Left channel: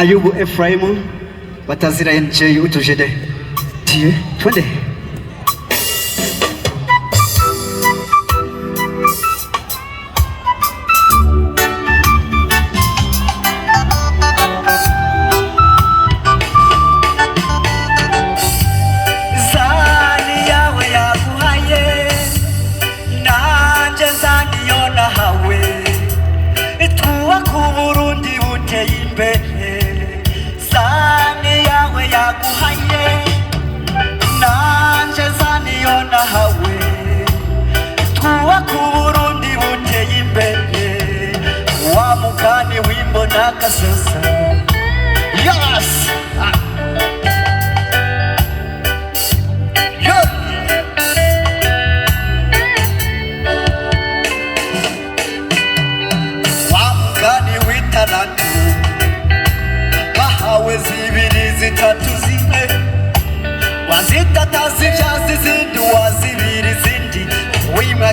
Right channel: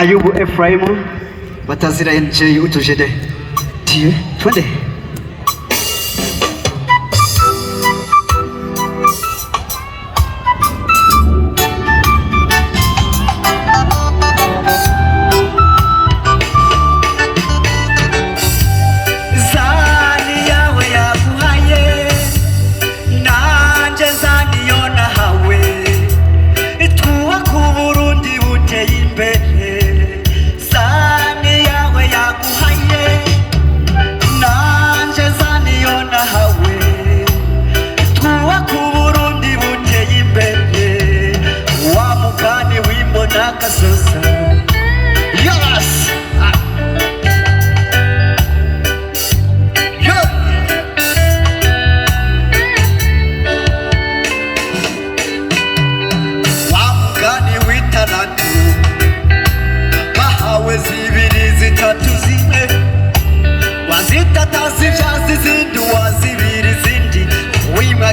Ayubu Efraimu batazira NJ utujede tie twende.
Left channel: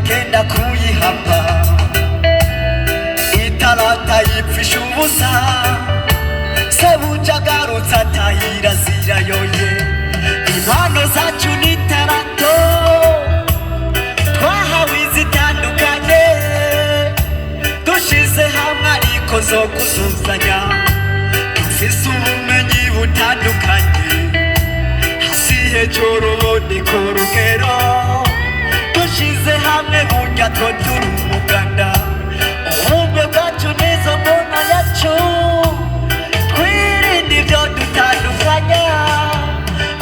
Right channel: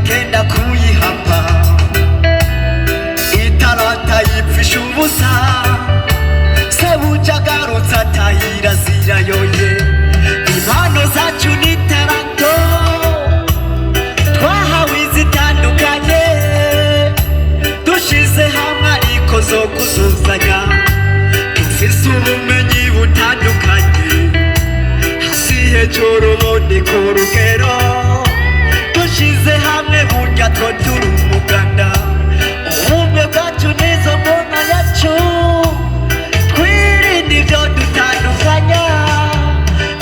Kenda kuyihapa itarata yipfisha ubusa sabuja garutsa tayira zirayoye impano zacu n'itarato twahawe izitandukanye dushize hamwe ariko zo kuzuzanya dufise ubumenyi butandukanye hasi hejuru ubundi ku rugero dushize hamwe burya two turi umuganda ubumwe bwacu nizo mbona yacu twirinde ibyo dutandukanya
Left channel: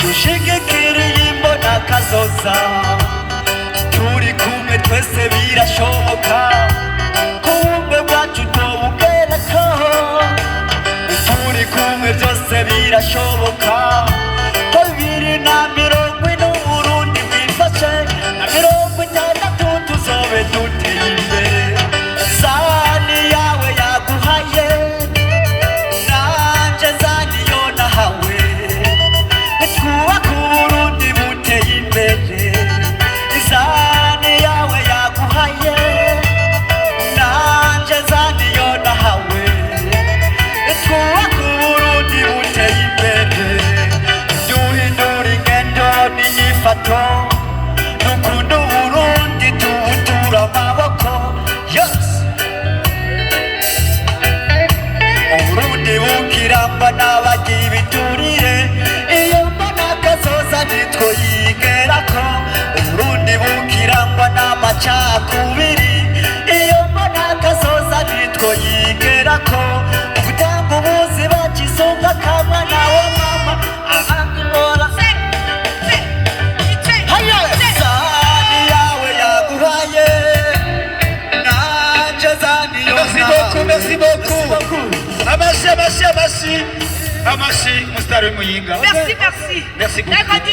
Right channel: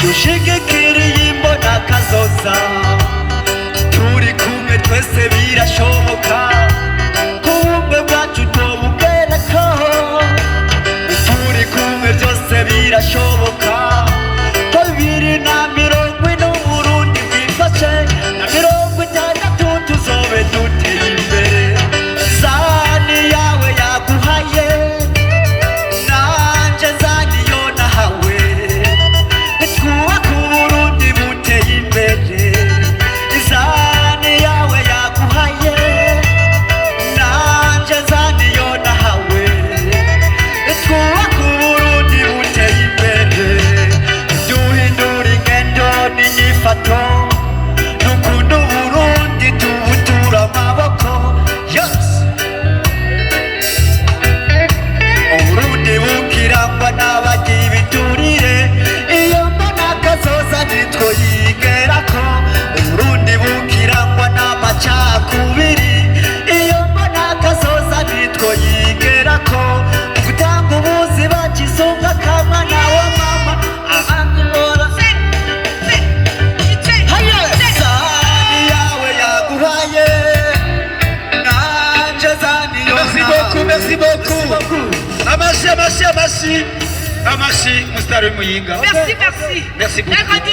dushigikiriye imbona kazoza turi kumwe twese birashoboka ubumwe bwacu tububwereko turi kumwe byose birashoboka 2020 Burundi bwifashe na 60 tuzobe duteye imbere zani yawe yaguhaye nanje zani yo nahawe twubaka Burundi buteye imbere zani yawe yaguhaye nanje zani yo nahawe twubaka Burundi buteye imbere duhindura ingendo n'inyifato dukunda Burundi tubutura amaboko Burundi bukirangwa n'abagira ibiturire iyo mbona kazoza nitwo yigerako Burundi bukirangwa n'amacakubiri iyo mbona kazoza nitwo yigerako gutanga ubuzi bakisumba kamwa nawe mama ahangora Merci beaucoup. Amashi, Mustari Muyinga. Merci beaucoup. Merci beaucoup.